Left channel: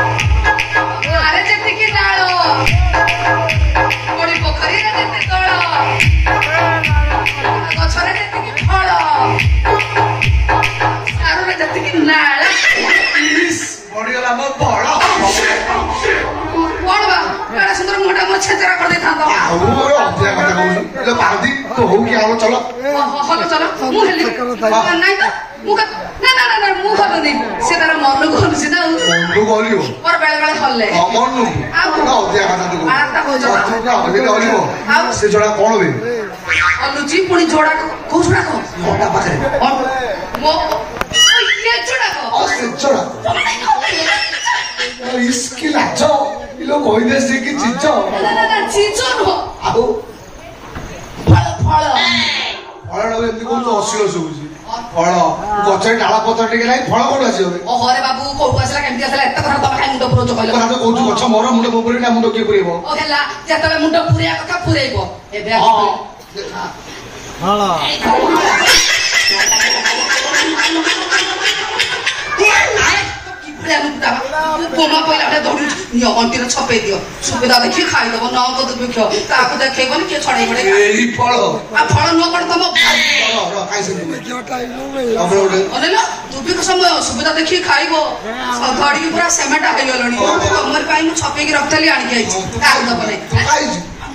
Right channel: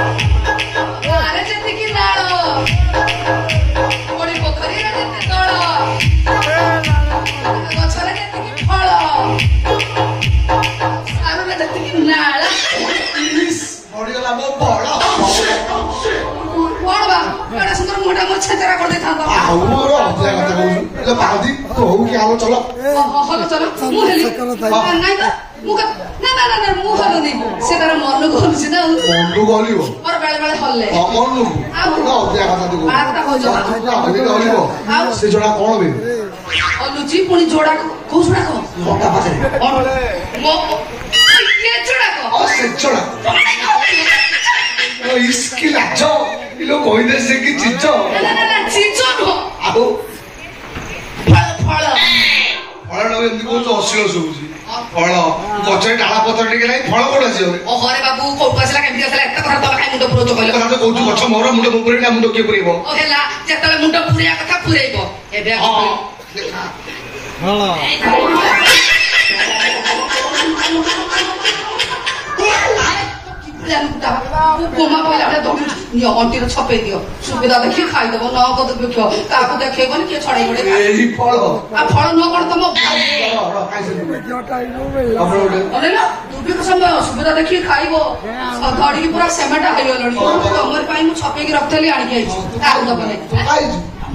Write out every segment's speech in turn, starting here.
ଆରେ ଯେତିକି ନାଳ ପୋଡ଼ି ପୋଖରୀରେ ଯେତେ ତଳ ଗଛରେ ଯେତିକି ଫଳ ସାରୁରେ ଯେତିକି ନାଳ ବଢିଗଲା ମୋ ବଳ କଣ ବା ଏଡା ସୁନ୍ଦର ମୋଟା ମୋ ଛେଚରା କରିଦେଇଥାନ୍ତ ଆଉ ମୋର ଅଧିକା କଥା କହୁଛୁ ପାରନ୍ତି ହଉ କି ଆମ ଚଲ ହଲ ଚଲ ମୁଁ ହେଲି ନାଇଁ ତ ମୁଁ ନା ନା ନା ମୁଁ ହଲୁନି ସେ ତାର ମନକୁ ହଲୁଛି ନା ମନକୁ ହଲିବ ମୋର ବେଳେ ବେଳେ ହଲଲେ ମନକୁ ଅଧିକା କଥା ତୁ ହଲିବ ସେ ଜଣା କଣ ବେ ହଲୁଛି ପୁଣି ଯୋଡା କୋଉ ଯୋଡା କହ ଘଣ୍ଟା ପାଖରେ ମୋ ଇଏ ଯୋଡା କହ ସେ ଜଣା इसकी लाज इलो कहदे से कि चीज ना ना ना चीज नो आहो फल फल फल न एमती को असिलो सुबुजी फल गछरे डाला पत्र टिके नाही फल कोड आसी होले ओ हरे बाबू कोउ आसला केमती आसला एत घर तमे खाइ मुंड पुरोच कहले কথা তো কইছো গছ মোর মুंड মুপুরে না মুंड কি পুরেইবো ओ हेला जेतले मुंड पुरिया कथा पुरेइबो एबे बोमा पहिला दौड़ी अंटीर छपे दियो सुविधा देखी खाईदेव न दुर्भिक्ष ताकू देखेबन किए छड़े गड़े फल फल नुह कौन तुम दुर्भिक्ष समय सुविधा देखी खाइब धड़ी पूरा सेमेटा हो गलनी तुमर छपे रखी आणिक ताकू दब नहीं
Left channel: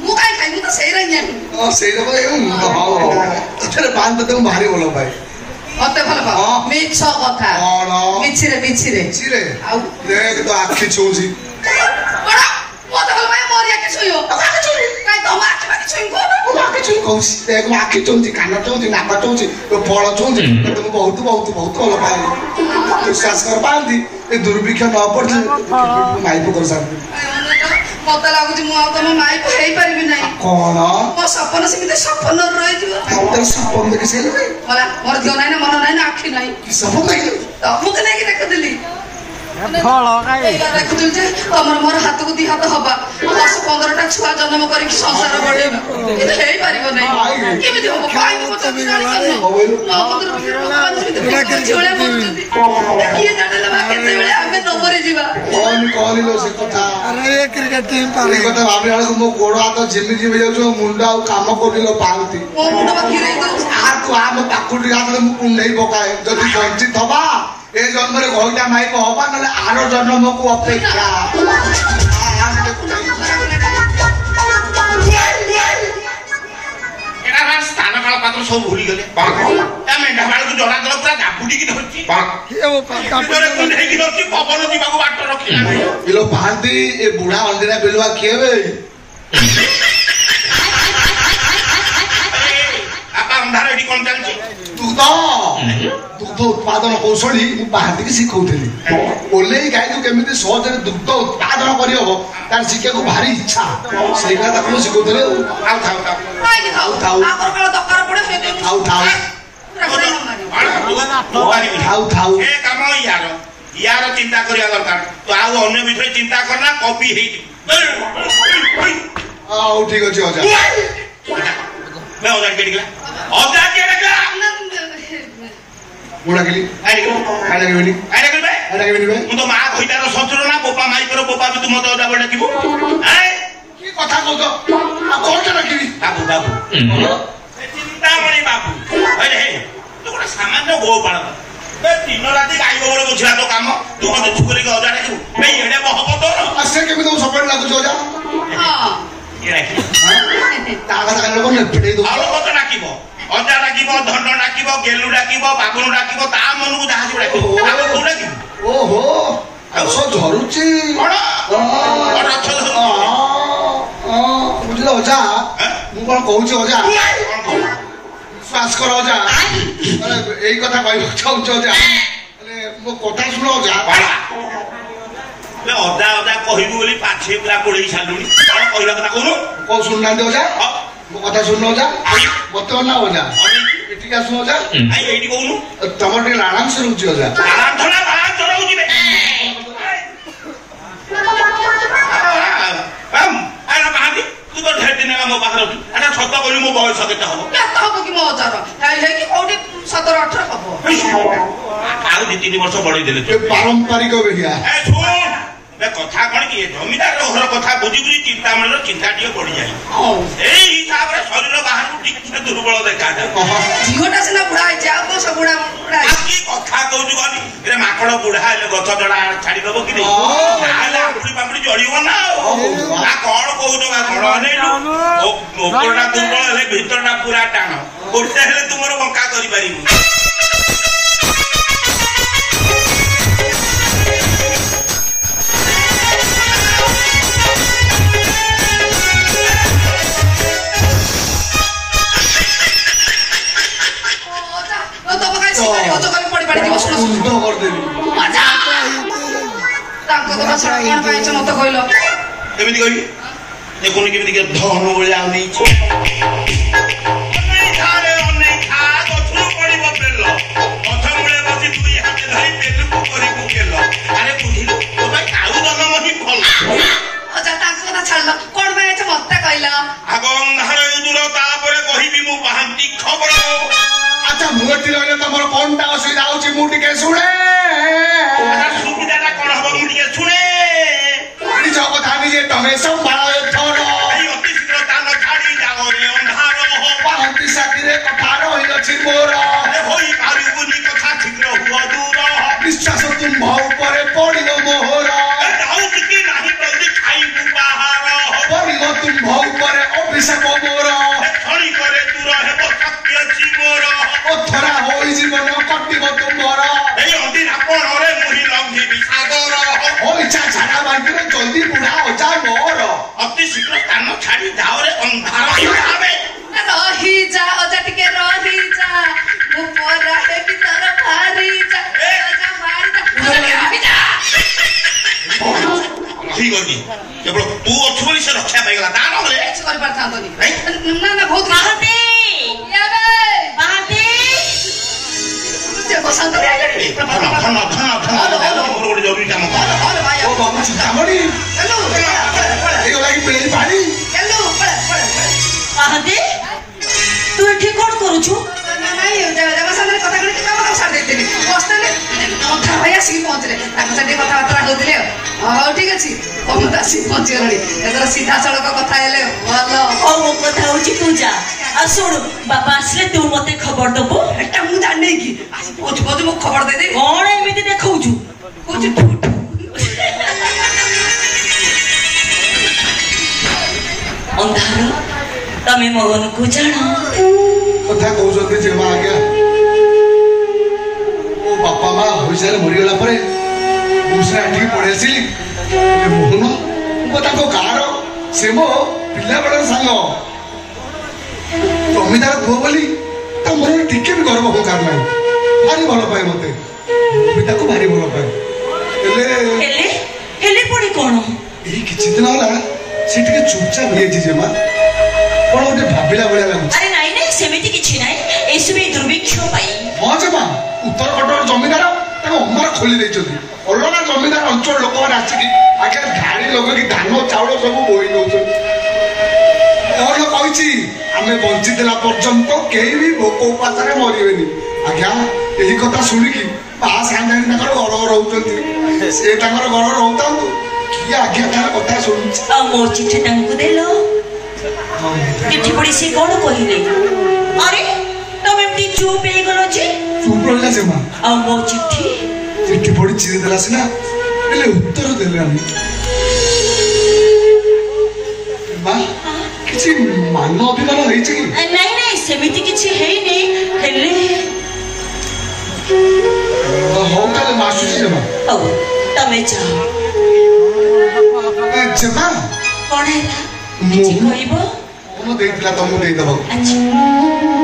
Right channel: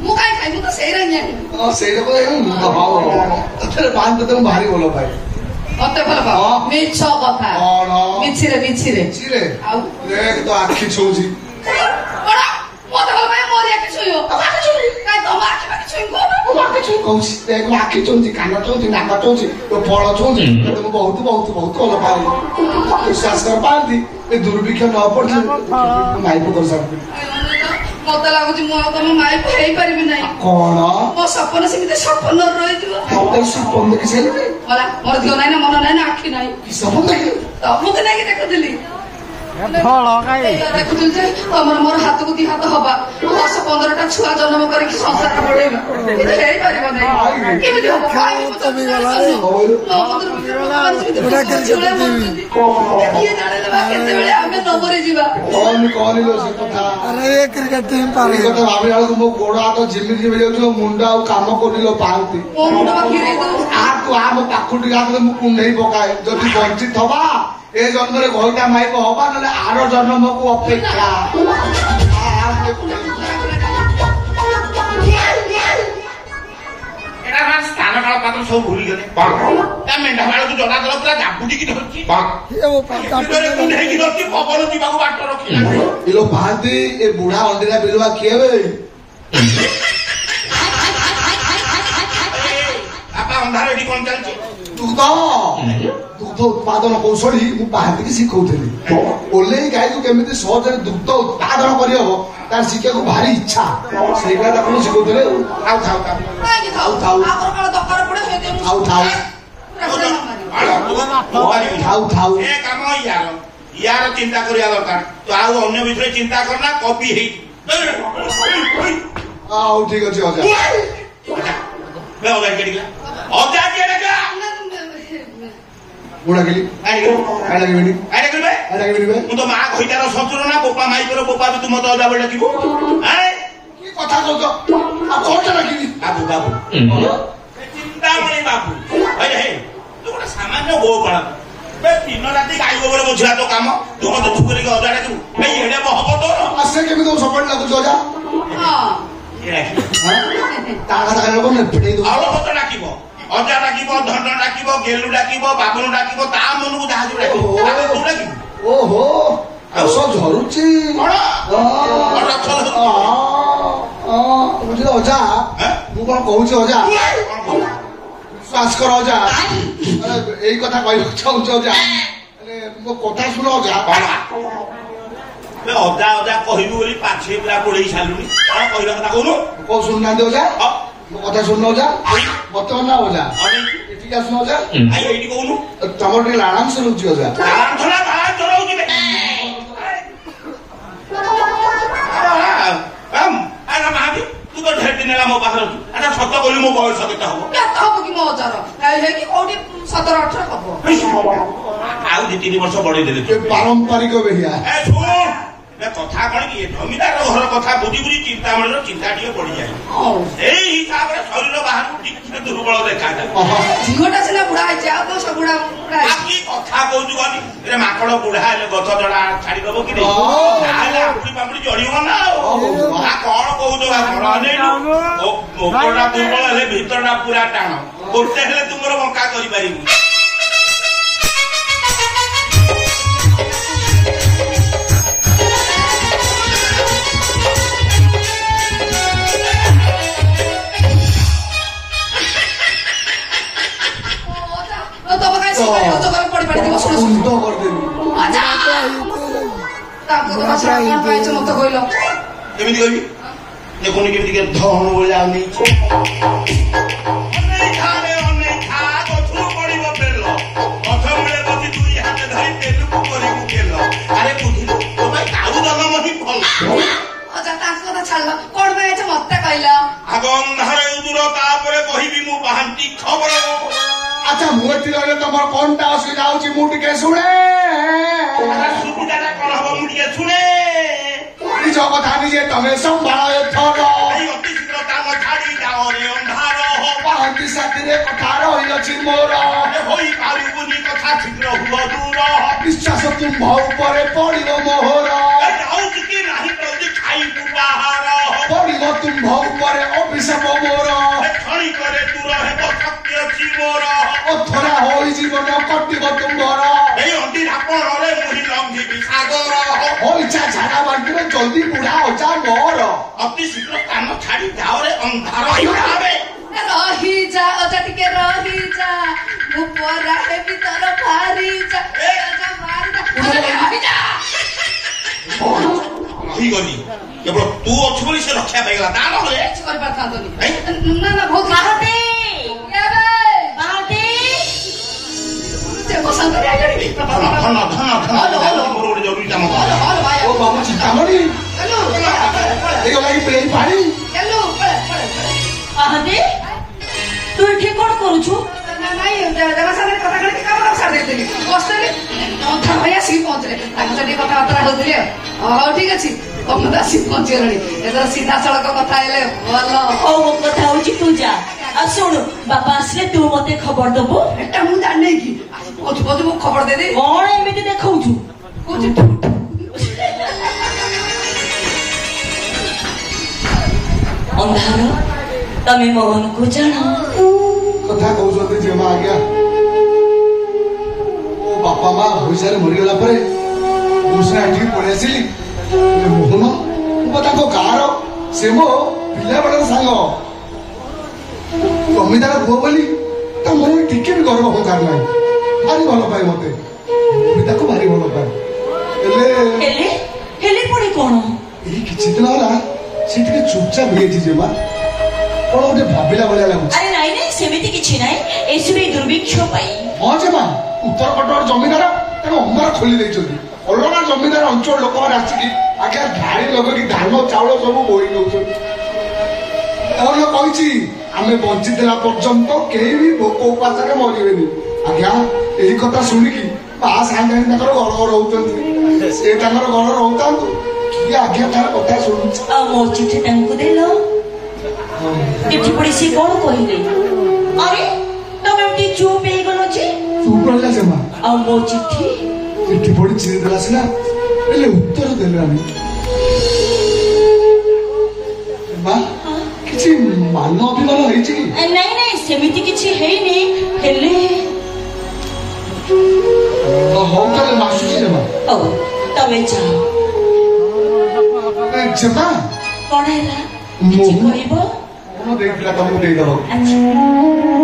ମୁଁ କାଇଁ ଖାଇ ମୁଁ ତ ସେଇରା ହିଁ ସେଇଟା ବାନ୍ଧ ତ ଭାରି ଭଲ ପାଏ ମତେ ଭଲ ପାଅ ମିଛ କଥା ମିଛିରେ ମିଛିରେ ମିଛିରେ ଆଉ ଦେଖ ତ ଆଖି ଛୁଉଁଛି ବଡ ମତେ ଭଲ ପାଏ ମୋର ଆଖି ଛୁଇଁବ ଆଖି ଛୁଇଁ କାଇଁ ତମ ଆଖି ବାକି ଛୁଇଁ କୋ ମୁଁ ଆଖି ଛୁଇଁ କହୁଛି ଦେଖ ମୁଁ ଆଖି ଛୁଉଁଛି କାନ ଛୁଉଁଛି ନାକ ଛୁଉଁଛି ଫଳ ଛୁଉଁଛି ମୁଁ ବହୁତ ବହୁତ ବହୁତ ଭଲ ପାଏ ବିଶ୍ୱାସ କର ପାଆନ୍ତି ଏ ଦୁର୍ଭିକ୍ଷ ନ ପଡିଲେ ମାଇପ କରିସାରନ୍ତି ମତେ ଲାଗୁଛି ମୁଁ ଆଉ ତମ ମାଇପ ହେଇପାରିବି ନାହିଁ କଣ ମୋ ସପନ ସେମିତି ସପନ ରହିଯିବ ସପନ ଦେଖି ସାରିଲଣି ମୋର ଝିଅ ନାହିଁ ନା ମନ ନାହିଁ ନା ଆଖି ନାହିଁ ସପନ ଦେଖିଲୁ ତମକୁ ନେଇକି ଦେଖୁଥିଲି ଦେଖୁଥିଲି ଯେ ତମର ମୋର ହାତକୁ ଦି ହାତ ହବା 10-15ଟା ଛୁଆ ଜନ୍ମ କରିକି ସଂସାର ବଢେଇବା କିନ୍ତୁ ହେଇପାରିବ ନାହିଁ କେମିତି ହବ କେତେବେଳେ ଆମେ ନ ମରିଯିବା କହିଲ ସେ କଥା ଭାବିଲା ବେଳକୁ ମୋ ଗୋଡ ହାତ ଝିମି ଝିମି ଯାଉଛି ମୋ ମୁଣ୍ଡ ଆଉ କାମ କରିଲ ପାଆନ୍ତି ମୋ ପାଖୁ ଟିକେ ହାତରେ ମୁଁ କୁଣ୍ଡେଇ ପକାଏ ଯଦି ବଞ୍ଚି ଥବା ଏ ଜନ୍ମରେ ଘଇଟା ମାଇପ ହବା ନହେଲେ ଆର ଜନ୍ମକୁ ଅପେକ୍ଷା ସ୍ଥାନ କାଳ ପାତ୍ର ସବୁ ଭୁଲିଗଲେ ମେଣ୍ଢା ବାଳକୁ ଜଣା ଦେଲା ପୁରା ଜାବୁଡିକି ଧରିଛି ପବନ ଯିବାକୁ ବାଟ ରଖିଲା ପାହାନ୍ତି ଏ ବୁଢା ଅଣ୍ଡିରା ବିଲୁଆ କିଏ ବେ ଅନ୍ଧାର ଏଠି କଣ ଚାଲିଛି ଦୁଗ୍ଧ ଉତ୍ପାଦନ କୌଶଳୀ ମୁଁ ପାହାନ୍ତିକି ଶିଖଉଥିଲି ଓହ୍ଲେଇ ଗାଈକୁ କେମିତି ସହଜରେ ଦୁଗ୍ଧ ଉତ୍ପାଦନ କରିହବ ତାର ଶିଖିବାକୁ ଭାରି ଇଚ୍ଛା ସେଇଭଳିଆ ତାକୁ ମୁଁ ଶିଖଉଥିଲି ୟାର ଚିନ୍ତା କରିବା ଦରକାର ତୁ ଆଉ ଅନ୍ୟ ଭିତରେ ଚିନ୍ତା କରନା କପି ହେଇଯିବ ହଉ ଠିକ ଅଛି ଅଜା ଅଜା କିଏ ଡାକିଲା ଅଜା କିଏ ଡାକିଲା ମୁଁ ଡାକିଲି ମୁଁ ତ ମା କହିତାର ଶତ୍ରୁ ନା ବୋପା ମାଇକର ବୋପା ବି ତୁ ମତେ ଅଜା ବଳେ ଡାକିବୁ କି କଥା କହୁଛ ଆଉ କଣଟା ଡାକିବି ବାବୁ ବାବୁ ଚିନ୍ତାମଣି ବାବୁ ତୁ ଗୋଟେ ସାମାନ୍ୟ ଗୋ ପାଳନ ଦିନ ରାତି ଗାଈ ଗୋବର ବୁଝିଲା ତ କାମ ତୁ ମତେ ଛୁକରିକି ଅଜା ଡାକିବୁ ଏଡେ ହବ ତୋର ସେ କେମିତି ସବୁବେଳେ ଲାଗୁଛି ଅଜା ତା କଥା ଲୋକ ଡାକିବ ଅଜା ଡାକିବ ଧନ ଡାକିବ ଗେଲୁ ଡାକିବ ବାବୁନ ଡାକିବ ତା ମନକୁ ଯାହା ଯିବ ଡାକିବ ଓହୋ ଆଉ ସବୁ ଝରୁଛି ବୁଝିଲ ଅଜା ମୁଁ କଣ କହୁଛି ଅଜା ବିଶ୍ୱାସ କର ଅଜା ଏଇ କଥା କହିବାକୁ ଚାହୁଁଛି ଅଜା ମୋ କଥା ଶୁଣ ଅଜା ଅଜା ଅଜା କହିବୁ ବୋଲି ପାଛେ ପୁରା ପୋଡେଇ ସାରିଲୁଣି କଣ କହିବା କଥା କହୁନୁ କଣ ଶୁଣୁନାହାନ୍ତି ଅଜା ମୋ କଥା ଶୁଣୁନ ଅଜା ମତେ ନା ଅଜା ଏଠିକି ଆସୁନ ଅଜା ଏଇଠି କହୁନୁ ତମର ଟିକେ ଆରାମସେ ରହୁଛି ଅଜା ତୁ ତ ଢେର ଦିନ ହେଲା ମୋ ପାଖରେ ଅଛୁ ଆଚ୍ଛା ସତ କହିଲୁ ମୋ ବୟସ କେତେ ହବ କେତେ ହବ କି ମୋ ଅଜାର ହେଇକି କୋଉଠି 17-18 ହବ ଆଉ 2-3 ବର୍ଷ ବଢେଇ ଦେଲେ ପାରମ୍ପରିକ ବେହିଆ कौन कि जमीदार घर कथा बुझी बुझी चिंतामणि चिंता टे पड़ जाए हिसाब से शरीर बाहर टिके दुर्बल देखा झीटा सीना बुढ़ा सब बुढ़ा कथा कौच गनी माकड़ बुढ़ा हेले गछ जड़ा छाड़ीदेव कि आंगुड़ी पांगुड़ी जड़ब ना कौन कौच अनेलु उपरटा दुर्बल हेले भितरटा पूरा टाण गोटे हेले तुम बंका कर अच्छा मुझे रही तुम कौन टा असुविधा होटे शुणे सुविधा कौन हम मुझे शुणे निज कथा निजे तमें संभाल एथर अति शीघ्र तान छाड़ी जाओ रे अंधार पाहती साथी कथा रही अच्छी मोर होई पारिबुनी कथा शीघ्र हुआ दूर विश्वास तुम ऊपर पड़ो मोहर कि नहीं जल्दी खाइबू बाहर पड़ो तुम ऊपर अभिशाप मोर खड़ी करे दूर हेब शक्ति अच्छी मोर अथरा हो जीवन कटिब तुम्हार अंडी आपण रे मुही लंघी सागर हो इच्छा छाड़ा बांटी जल्दी बुढ़ा अजा मोर अति शीघ्र स्थान छाड़ी जाओ रे अंधार हिसाबे रही जा अजा टिके रही जा मु परा हे भीतर भारी जा अजा मारी जा रही जा रही गनी केवल तू अच्छु बोली से रक्षा पाइगला ता न रे कुछ कर परथा तनी ना ना बहुत बाहते याबे बाहते ते बसंत रे आगड़ी धन मोर गोटे जरूरी काम हेलो भाई ओ बाबू चितामणि हेलो ए लागी पेली पानी हेलो बाहते तू एठी कोन करूछु नहीं बसंत रे कथा करी काम सार देतेनी बसतले कथा भैया सी पहुंचले ताको से कथा बातरा होतिले हां ठीक अछि कम दासी पहुंचलड़ी एतर सीधा सड़क कथा हेले भलो ओ मो कथा होची तू जा आ सुन बाबा आसले तू मते खबर दबो एटा मु जाने की आज पहुंच पहुंच मु खबर दे दे कोन एमिति देखौछु कुछ अंधार तमे मोहन को जाना कथा कहते जे माँ आज्ञा ओ बापा माँ भविष्य मरीगला मुझे एठी पड़े आसिली मोहन मुझे गाँव से मो पिला बेल सांग जमीदार पुह बोली मन टिके भी गर्व हो कार ना भारी भल पाए मत भारी भल पाए कौन किछि दिन होला से चुपचाप हो जे माँ कौन गोटे भाविला भाया लगुच अरे नाई नाई सेमिति किछि नाई एसबे दुर्भिक्ष पाई हाँ जे माँ उत्तर कटक जमीदार अंधार खोली देइछथि अलग जमीदार अंचल लोक मैंने आसिकी आज्ञा गाड़ी लगे धान चाउल सब बोई नौ कौन कही आम बंचीला पर्यंत कहीं भी भोक उपास मरबे आज्ञा यही कथा शुणिकी माँ सागे गड़ गड़ रोचे से गड़ रोता किए आज्ञा तार कथा शुणु मो चिठी देलो चिठी पढ़ी सी कौन कहले अरे तुम एमती चुप हो गलो जे चुप रहिला से माँ मो चिठी चिठी पढ़ी चिरी देला सिना हेले उत्तर देले हम माँ किछि मान अभिमान होइछि कि नहीं नहीं सेमिति किछि हेइनी हेले हो ताले मासुछि जमा ओ तमे जाओ जमा कोन हैला मो कहइबो कोन देइतला तमु देइ दबो अच्छा